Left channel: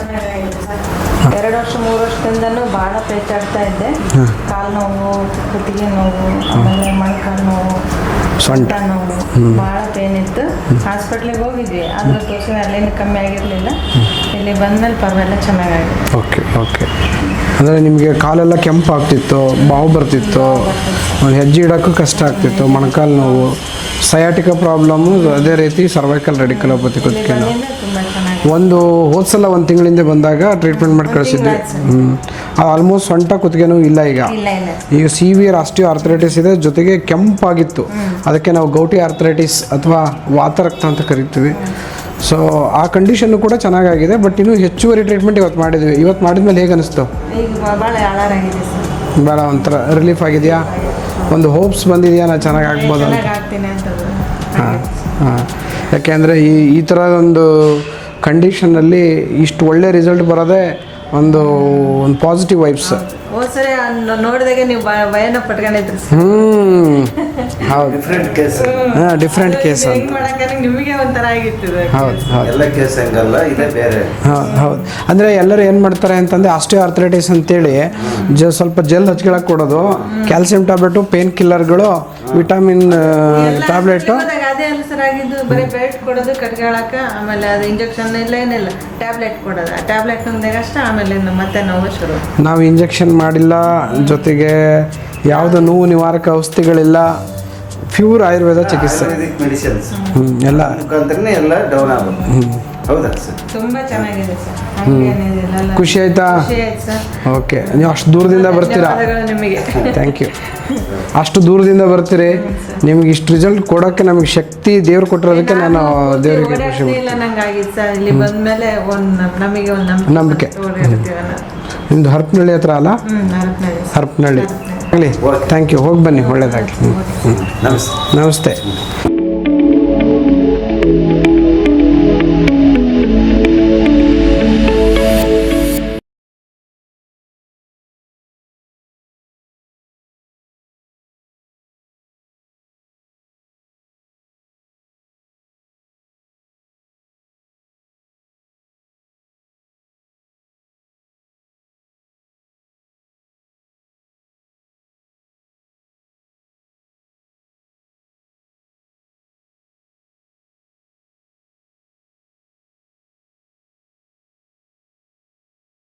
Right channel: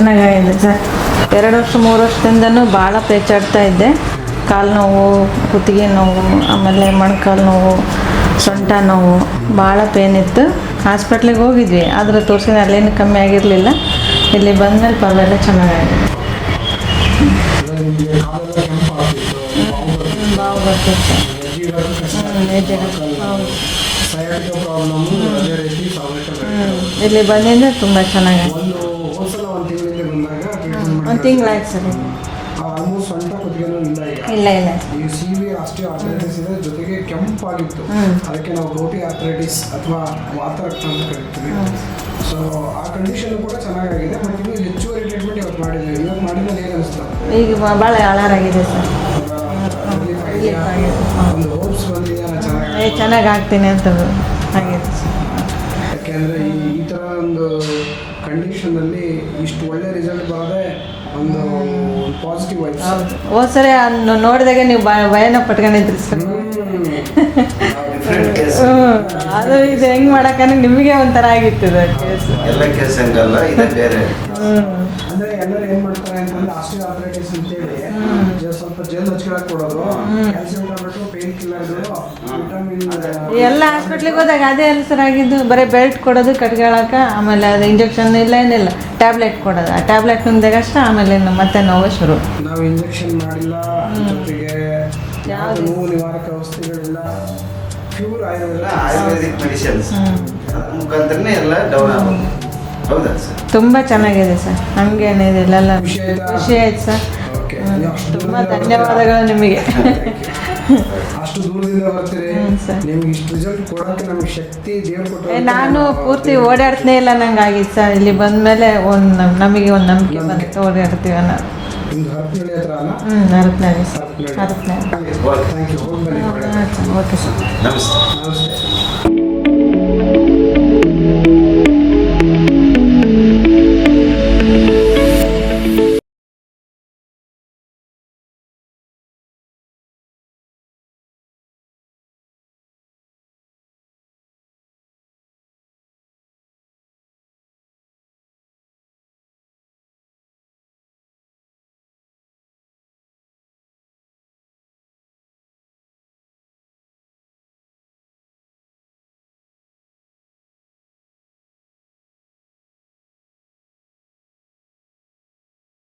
ಚೆನ್ನಾಗಾಗಿದೆ ಸರ್. 2 ವರ್ಷ 3 ವರ್ಷದಿಂದನೂ ಭಾಳ ಪೇಚಾಡ್ತಾ ಇದ್ದೆ. ಕಾಲು ನೋವು, ಕುತ್ತಿಗೆ ನೋವು, ಆಮೇಲೆ ಮೊಣಕಾಲು ನೋವು, ಸೊಂಟ ನೋವು, ಭಾಳ ಪೇನ್ ಇತ್ತು. ಹಾಸ್ಪಿಟ್ಲಿಗೆ ಹೋಗಿದ್ವಿ, ಆದರೆ ತೋರಿಸಿದ್ರೆ ಅಲ್ಲೇನು ಕಮ್ಮಿ ಆಗಿರಲಿಲ್ಲ. ಇಲ್ಲಿ ಬಂದಮೇಲೆ ಪರವಾಗಿಲ್ಲ, ಚೆನ್ನಾಗಾಗಿದೆ. Okay okay. ಅಂದರೆ ನಿಮಗೆ ಕಾಲೆಲ್ಲ ಕೆಂಪು ಆಗ್ತಿತ್ತು, ಬಾವು ಬರ್ತಿತ್ತು, ಒಂದು ಹೆಜ್ಜೆ ಇಡೋಕ್ಕೂ ಕಷ್ಟ ಆಗ್ತಿತ್ತು, ಮೊಣಕಾಲು ನೋವು, ಸಯಾಟಿಕ ಪ್ರಾಬ್ಲಮ್ಮು, ಅದೇ ರೀತಿ ಸರ್ವೈಕಲ್ ರೆಡಿಕ್ಯುಲೋಪತಿ. ಇಲ್ಲಿ ಬಂದಿಂದ ತುಂಬ ಚೆನ್ನಾಗಿದೆ. ಹೋದ ಸಲ 1 ತಿಂಗಳಿಂದ ಬಂದಾಗ ಟ್ರೀಟ್ಮೆಂಟ್ ಮಾಡಿ ಕಳಿಸಿದ್ದೆ. ಆಲ್ಮೋಸ್ಟ್ ಸೊಂಟ ಕುತ್ತಿಗೆನೂ ಇಲ್ಲ ಈಗ ಸಿವಿಯರ್ ಆಸ್ಟಿಯೋ ಆರ್ಥರೈಟಿಸ್ ಇದೆ, ಜೊತೆಗೆ ಕೆಂಪಾಗಿತ್ತು. ಅದಕ್ಕೆ ನಾವು ಗೌಟಿ ಆರ್ಥರೈಟಿಸ್ ಅಥವಾ ವಾತರಕ್ತ ಅಂತ ಕರಿತೀವಿ. ಸೊ ಆ ಕಂಡೀಷನ್ನು ಕೂಡ ಚೆನ್ನಾಗಾಗಿದೆ. ಬಟ್ ಇನ್ನೂ ಹೆಚ್ಚುವರಿ ಟ್ರೀಟ್ಮೆಂಟ್ ಇವತ್ತು ಮಾಡಿದ್ಮೇಲೆ ಹೇಗೆ ಅನಿಸ್ತು? ಭಾಳ ಆಳಾರಾಗಿದೆ ಸರ್. ಭಾಳ ಒಂಥರ ರಿಲೀಫ್ ಆಗಿದೆಯಾ? ಒಂದು ಹೋಪ್ಸ್ ಬಂದಿದೆಯಾ ನಾನು ಚೆನ್ನಾಗಿ ಆಗ್ತೀನಿ ಅಂತ? ಹಾಂ, ಯಾಕೆಂದರೆ ಈ ಥರ ಒಂದು ಕಂಡೀಷನಲ್ಲಿ ಇಷ್ಟು ಒಳ್ಳೆ ರಿಸಲ್ಟ್ ಬರೋದೇ ಒಂದು ಪಾಸಿಟಿವ್ ವೈಬ್ಸ್. ಸರಿ ನೋಡಿದಾಗೆ ನೀವು ಭಯನ ಪಟ್ಕೊಂಡಿದ್ರಿ. ಹೌದು, ಡಿಫ್ರೆಂಟ್ ಕೇಸ್. ಹೆಂಗ್ ಮಾಡಕ್ಕೆ ನಿಮಗೆ ಒಂಥರ ಆಗಿತ್ತು. ಎಲ್ಲ ಕೇಸ್ ಹಂಗಲ್ಲ, ಇದೆ ಬೇರೆ. ಹೌದು. ಅಂದರೆ ಎಲ್ಲರೂ ಏನು ಮಾಡ್ತಾರೆ ಅಂತಂದರೆ ಆಸ್ಟಿಯೋ ಆರ್ಥರೈಟಿಸ್ ಅಂತೇಳಿ ಸ್ವಲ್ಪ ಜೆಲ್ ಹಚ್ಕೊಳಕ್ಕೆ ಕೊಡೋದು, ಕ್ಯಾಲ್ಸಿಯಂ ಟ್ಯಾಬ್ಲೆಟು, ಪೇನ್ ಕಿಲ್ಲರ್ಗಳು, ವಿಟಮಿನ್ ಟ್ಯಾಬ್ಲೆಟು. ಅದೇ ಎಲ್ಲ ಸರ್ ಆಗಿದ್ದು. ಬರೀ ಬೆಲ್ಟ್ ಕೊಡೋದು ಕಟ್ಕೊಳಕ್ಕೆ, ಆಮೇಲೆ ಅದು ಇಂಜೆಕ್ಷನ್ ಇಲ್ಲ, ಏನಿಲ್ಲ, ಟ್ಯಾಬ್ಲೆಟ್ ಕೊಡೋದು. ಆ ಟ್ಯಾಬ್ಲೆಟ್ ನುಂಗ್ದಾಗಷ್ಟೇ ಆಮೇಲೆ ಮತ್ತೆ ನೋವು ಶುರು. ನಾವು ಇಂಜೆಕ್ಷನ್ ಮಾಡಿಲ್ಲ, ಜೊತೆಗೆ ಯಾವುದೋ ನೋವು ನಿವಾರಕ ಔಷಧಿಗಳಿಲ್ಲ, ಪ್ಯೂರ್ ಆಯುರ್ವೇದ ಚಿಕಿತ್ಸೆ ಎಲ್ಲ ಮುಖಾಂತರನೇ ಎಲ್ಲ ಡೌನ್ ಆಗುತ್ತೆ. ಹೌದಾ ಸರ್? ತುಂಬ ಚೆನ್ನಾಗಿದೆ ಸರ್. ಹಂಗೇನಿಲ್ಲ. ಖುಷಿ ಆಯ್ತಾ? ಖುಷಿ ಆಯ್ತು ಸರ್. ಓಕೆ, ನೀವು ಅಷ್ಟು ದೂರದಿಂದ ಬರ್ತೀರಾ? ನಿಮಗೆ ಥ್ಯಾಂಕ್ ಯು. ಅಷ್ಟು ದೂರದಿಂದ ಬರ್ತೀರಿ, ನಿಮ್ಗೆ ಇಷ್ಟು ರಿಸಲ್ಟ್ ಕೊಡೋಕ್ಕೆ ನಮಗೆ ಶಕ್ತಿ ದೇವ್ರು ಕೊಟ್ಟಿರೋದಕ್ಕೆ ನಾನು ಓಡಾಡ್ತೇ ಇಲ್ಲ ನಂಗೆ ಆಗಿತ್ತು ಸರ್. ಇಲ್ಲಿ ಬಂದಮೇಲೆ ನಮಗೆ ಒಂದು ನಂಬಿಕೆ ಓಡಾಡ್ತೀವಿ ಅನ್ನೋದು. ನಿಮ್ದು ಹರಪನಹಳ್ಳಿ ಹತ್ರ ಅಲ್ಲ? ಹರಪನಹಳ್ಳಿ. ಆಗಲಿ, ಥ್ಯಾಂಕ್ ಯು. ಹೋಗಿ ಬನ್ನಿ, ಒಳ್ಳೇದಾಗಿ. ನಮಸ್ತೆ. ನಮಸ್ತೆ.